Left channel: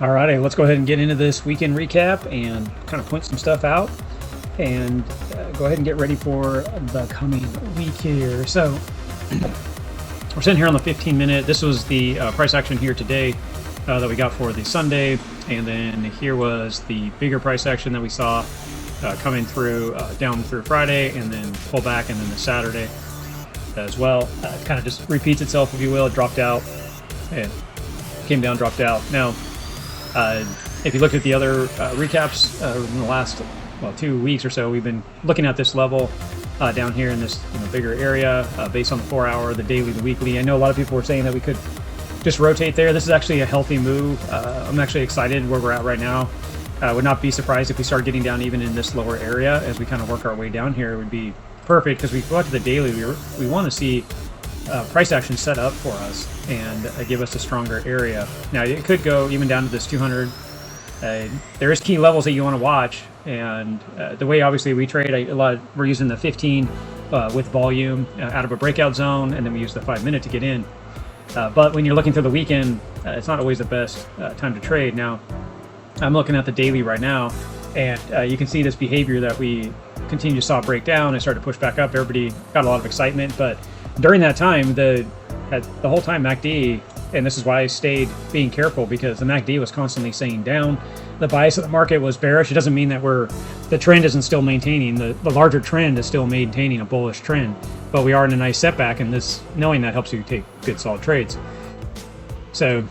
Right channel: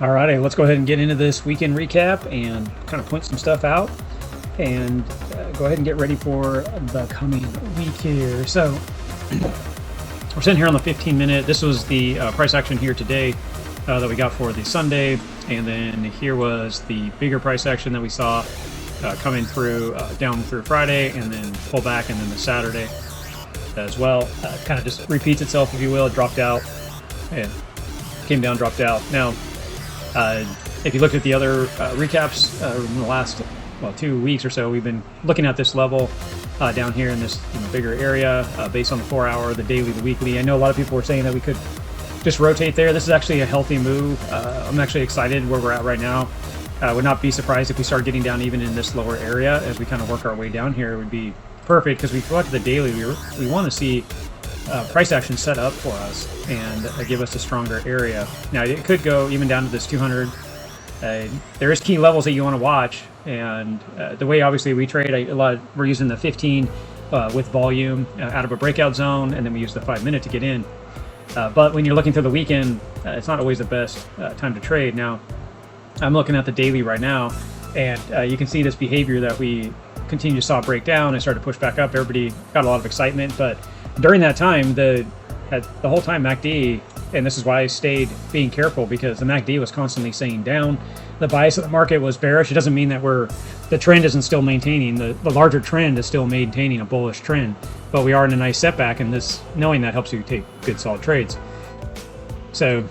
Alrighty, let's go ahead and get into this weekend recap and kind of point some stuff out and go ahead and get ready for the coming week here. So we're sitting here on the 15-minute. This was the price action here today that we got for the Sunday, and then here was the bigger price action that we saw coming through down through Friday, and then pull back, and then the Saturday as well. Kind of just repeats itself, if you will. It dropped out and came down, dropped out. Now, if you look at the other recaps in the last 2 weeks or so, we've been looking at this level down here in this bigger area based on the 4 hour, the daily, weekly. I know a lot of people were saying that we could just rotate there. This is actually a healthy move. I'm actually excited where we're at right now. I would not be surprised if we start getting down even in this lower area as we kind of work our way down here. It would be perfect because we go out to the daily. We want to see price action set up for us, and it would give us a stronger area. Now, it could go even down to this 200. There is key levels that you want to watch, and the way obviously we trade, we're using the 15 with volume out of a breakout zone, and then we use the 5-minute to get in. But when you're looking through the weekend, it's not always the best time to trade. Now, I'm looking at the daily right now, and you can see this behavior that we continue to saw break down. I started to push back up. Everybody got a lot of excitement, but during that time, the whole time MACD, and this is why I stayed being careful, because the MACD was constantly saying down. The bias of the market was bearish. It doesn't mean that the trend isn't still maintaining. The larger trend is still maintaining a bullish trend, but we are in a nice setback, and this, knowing that, helps you take good solid trades. So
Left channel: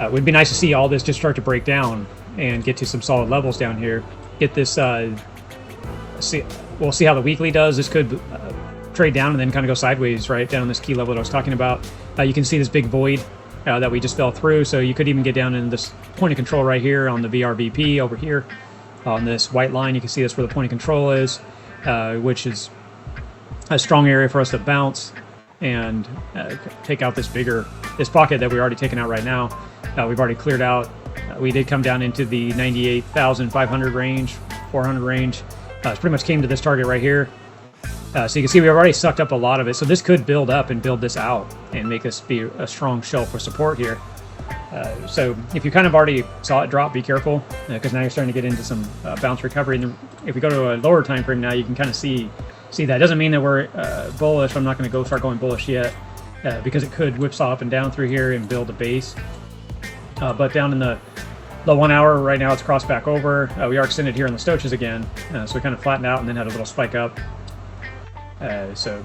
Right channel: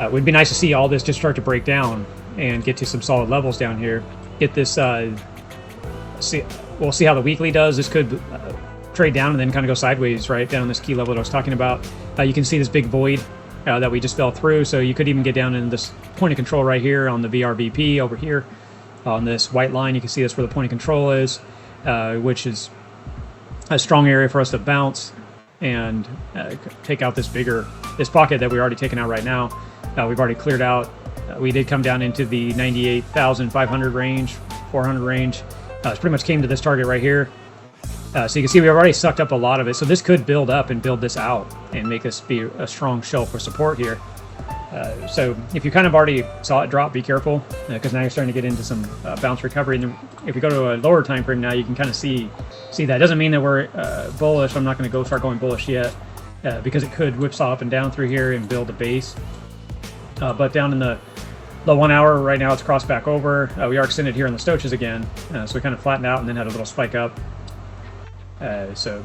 it would be nice to see all this just start to break down and get to some solid levels down here. Get this, we'll see how the weekly does. This could trade down and then kind of go sideways right down this key level that I was talking about. You can see this big void that we just fell through, so you could even get down in this point of control right here on the VRVP over here on this white line. You can see that's where the point of control is, which is a strong area for us to bounce and pick up this pocket that we're already taking out right now. We've already cleared out. We did come down into the 98,500 range, 400 range. It pretty much came to this target right here. So you can see we've already sucked up a lot of it. So this could build up and build this out and make us be a strong shelf for support here. So if you kind of already saw it drop, be careful, because now you're starting to get into some bounce recovery. And if you go to a lower time frame now, you can kind of see that. It doesn't mean that we're bullish. I'm not going to start going bullish yet, because it could whipsaw up and down through here and build a base. But down in the 1 hour right now, it's crossed back over. We are extended here in the stoaches again, so we kind of flattened out and then had a little spike up. So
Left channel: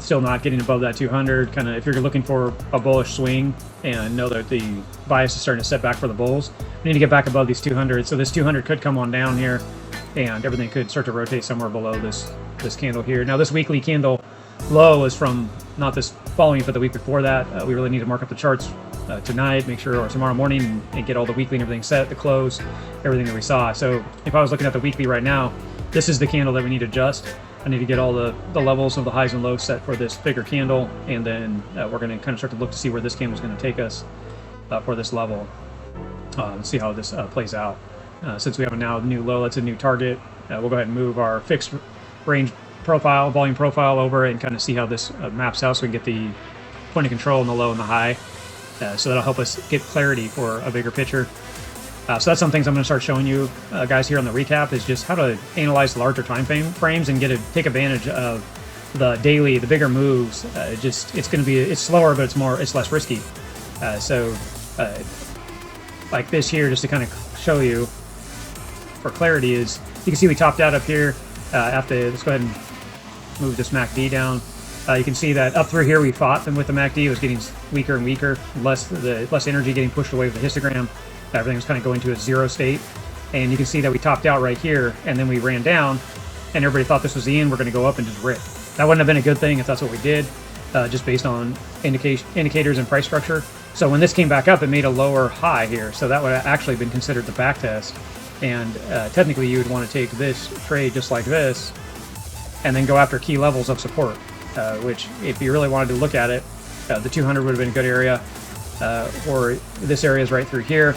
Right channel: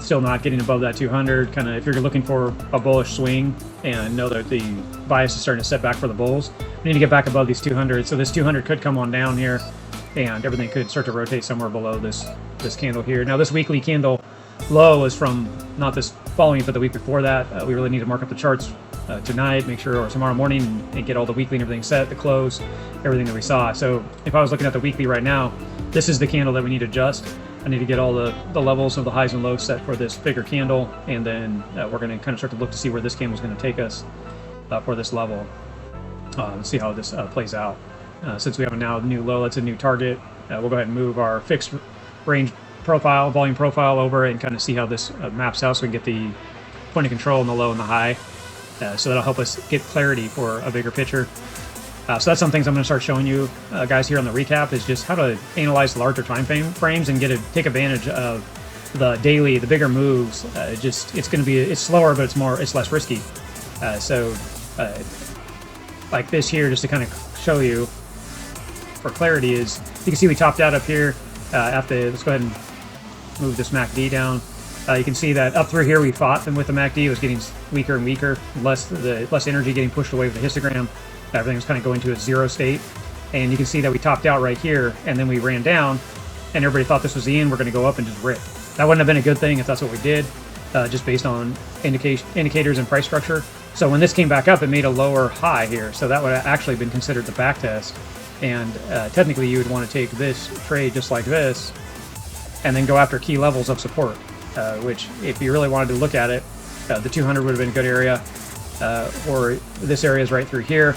still not getting above that 200. Kind of, if you're looking for a bullish swing and know that the bias is starting to set back for the bulls, we need to get back above these 200. So this 200 could come on down here, and everything could start to rotate somewhere below this candle here. Now, this weekly candle low is from not this following, but the week before that. We really need to mark up the charts tonight, make sure, or tomorrow morning, and get all the weekly and everything set, the close, everything that we saw. So if I was looking at the weekly right now, this is the candle that we need to adjust. I need to get all the levels of the highs and lows set for this bigger candle, and then we're going to kind of start to look to see where this candle is going to take us for this level. See how this plays out. Since we have a now new low, that's a new target. We'll go ahead and move our fixed range profile, volume profile over, and kind of see how this maps out, so we can get the point of control in the low and the high. So that'll help us get clarity for a bigger picture. So that's some things I'm going to start showing you guys here on the recap, is just how to analyze larger time frames and take advantage of the daily, the bigger moves. It's slower, but it's less risky. Like this here, just to kind of show you for clarity, is you can see we topped out up here. Let's go ahead and move this MACD down. You can see that up through here we fought, and with the MACD it was getting weaker and weaker, less energy getting pushed away with the histogram. Everything was kind of going to a zero state, and you can see that we topped out right here, and then we ran down, and everybody thought this was the end. We're going to go up and just rip. That wouldn't have been a good thing if that's what we did, just based on indicators and price structure. So when this came back up, it made a lower high here, so that would have actually been considered the back test, and technically you would want to take this trade just like this and then go after key levels of support, which, if you really wanted to look at it, the 200 would have been a good area, or this area is right through here.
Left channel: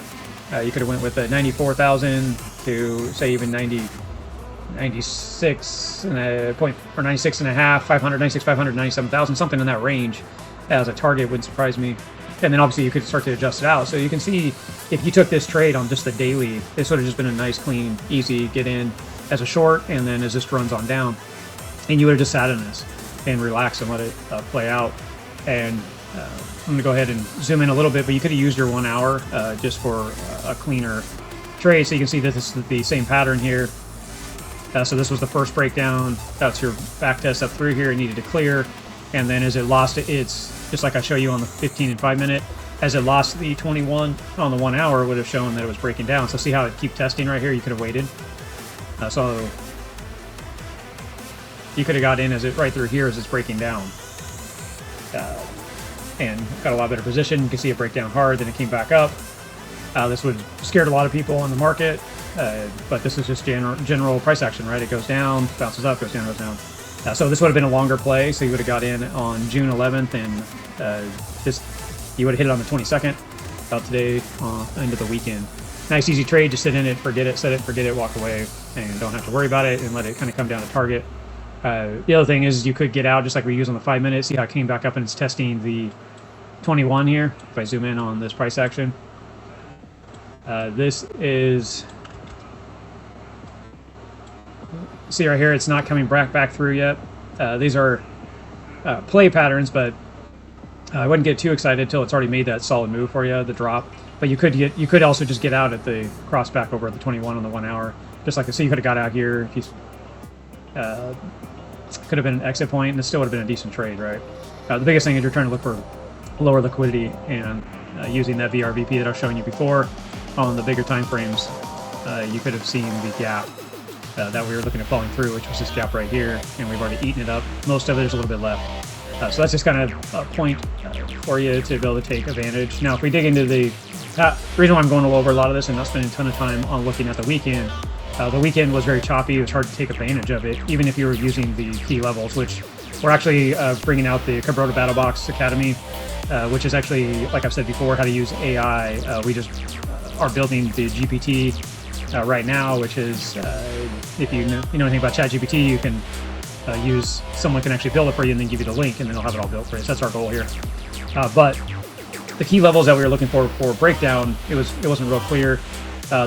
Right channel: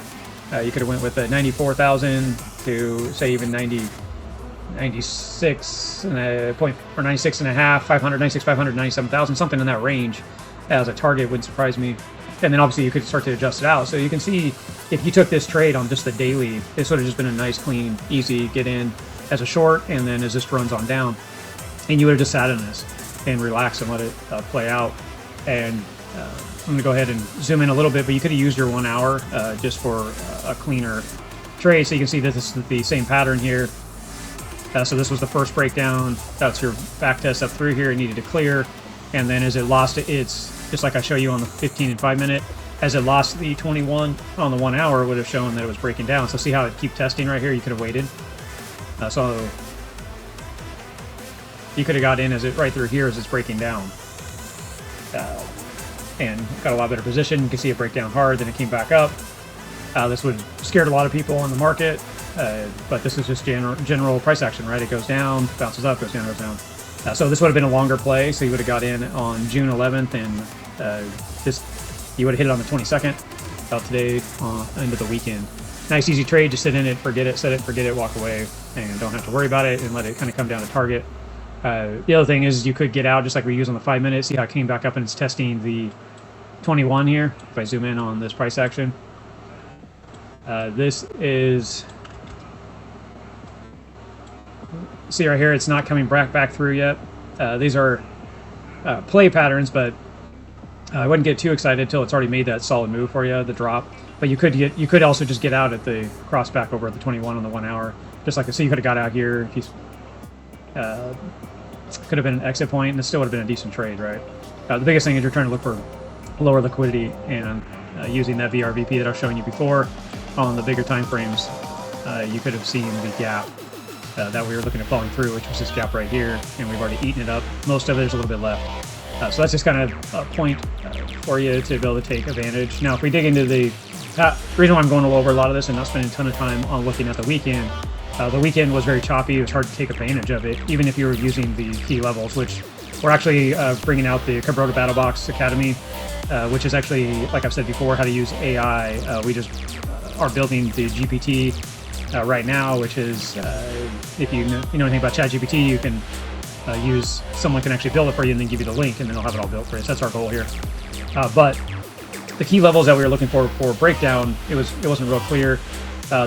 You could have went with a 94,000 to, say, even 96 and a point, or 96 and a half, 500, 96, 500, 97,000, something in that range as a target. Wouldn't surprise me. and then obviously you could start to adjust it out. So you can see if you took this trade on just the daily, it's sort of just been a nice, clean, easy get in as a short, and then as this runs on down, and you would have just sat at this and relax and let it play out. And I'm going to go ahead and zoom in a little bit, but you could have used your 1 hour just for a cleaner trade. So you can see that this is the same pattern here. So this was the first breakdown. That's your back test up through here. It needed to clear. And then as it lost it, it's just like I show you on the 15 and 5 minute. As it lost the 21 on the 1 hour, it would have shown that it was breaking down. So see how it keep testing right here? You could have waited. So you could have got in as it right through here as it's breaking down. And got a lot better position. You can see it break down hard, then it came back up. This would scared a lot of people in the market, but this is just general price action, right? It goes down, bounces up, goes down, goes down. So this would have been a longer play, so you would have got in on June 11th, and you would have hit it on the 22nd, about today, or into the weekend. Nice easy trade, just sit in it, forget it, set it, forget it, walk away, and don't have to worry about it, and let it kind of come down to target. The other thing is you could get out just like we use on the 5 minutes. See how it came back up and it's testing the 21 here. If I zoom in on this price action, this is, see right here, it's not coming back through yet. These are play patterns, but I wouldn't get too excited until it's already made that solid move for you, the drop. But you could also just get out at the cross back over at the 21 on the 1 hour, just like I see you could have got out here. If you could have been an exit point, and it still would have been a decent trade, right? The biggest thing is you're trying to look for lower liquidity, and using that VRVP that I was showing you before on the bigger time frames, you could have seen the gap that we were looking at falling through, which was this gap right here, and we've already eaten it up. Most of it, there's a little bit left. So that's just kind of a point for you to be able to take advantage. Now, if we dig into the reason why I'm going over a lot of this and not spending a ton of time on looking at the weekend was very choppy. It was hard to take advantage of it, even if you were using the key levels, which we're actually bringing out the Kabroda Battle Box Academy, which is actually, like I've said before, how to use AI. We just are building the GPT right now, which is, if you know anything about ChatGPT, you can someone can actually build it for you and then give you the link, and then they'll have it all built for you. So that's our goal here. But the key levels that we were looking for breakdown, it wasn't real clear.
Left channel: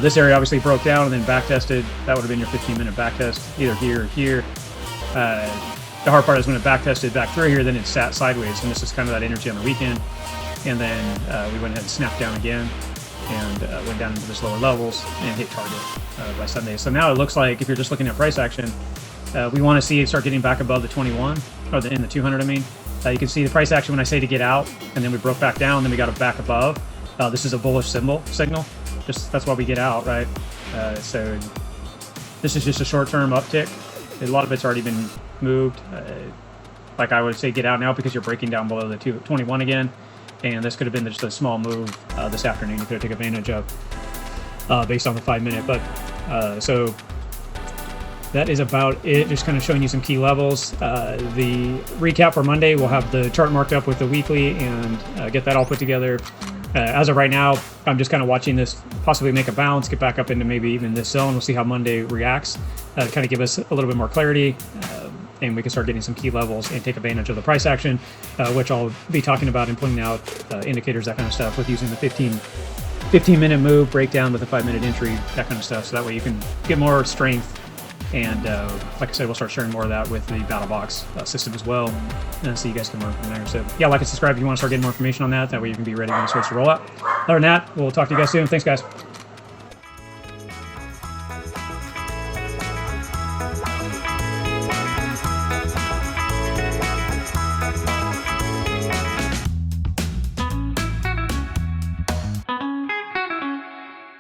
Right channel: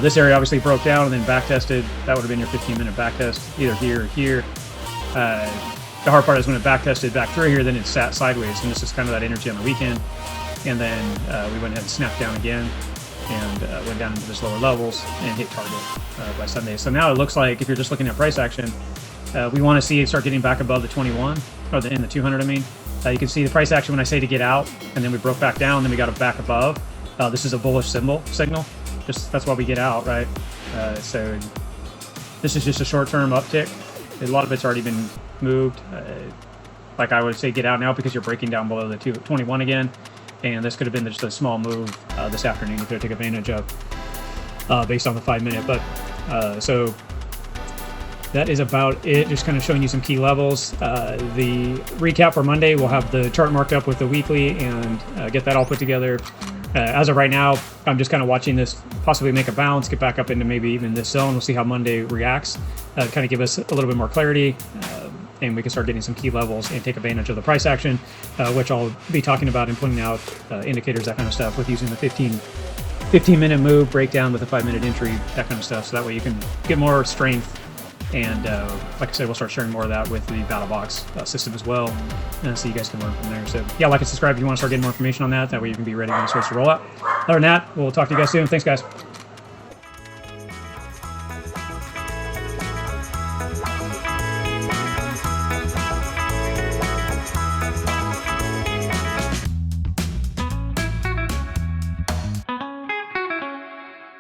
This area obviously broke down and then back tested. That would have been your 15-minute back test, either here or here. The hard part is when it back tested back through here, then it sat sideways, and this is kind of that energy on the weekend. And then we went ahead and snapped down again, and went down into this lower levels and hit target by Sunday. So now it looks like if you're just looking at price action, we want to see it start getting back above the 21, or in the 200, I mean. You can see the price action when I say to get out, and then we broke back down, then we got it back above. This is a bullish signal. That's why we get out, right? So this is just a short-term uptick. A lot of it's already been moved. Like I would say, get out now because you're breaking down below the 21 again. And this could have been just a small move this afternoon you could have taken advantage of based on the 5 minute. But so that is about it. Just kind of showing you some key levels. The recap for Monday, we'll have the chart marked up with the weekly and get that all put together. As of right now, I'm just kind of watching this possibly make a bounce, get back up into maybe even this zone. We'll see how Monday reacts, kind of give us a little bit more clarity, and we can start getting some key levels and take advantage of the price action, which I'll be talking about and pointing out indicators, that kind of stuff, with using the 15-minute move, breakdown with a 5-minute entry, that kind of stuff. So that way you can get more strength. And like I said, we'll start sharing more of that with the Battle Box system as well, so you guys can learn from there. So yeah, like and subscribe if you want to start getting more information on that. That way you can be ready when it starts to roll out. Other than that, we'll talk to you guys soon. Thanks, guys.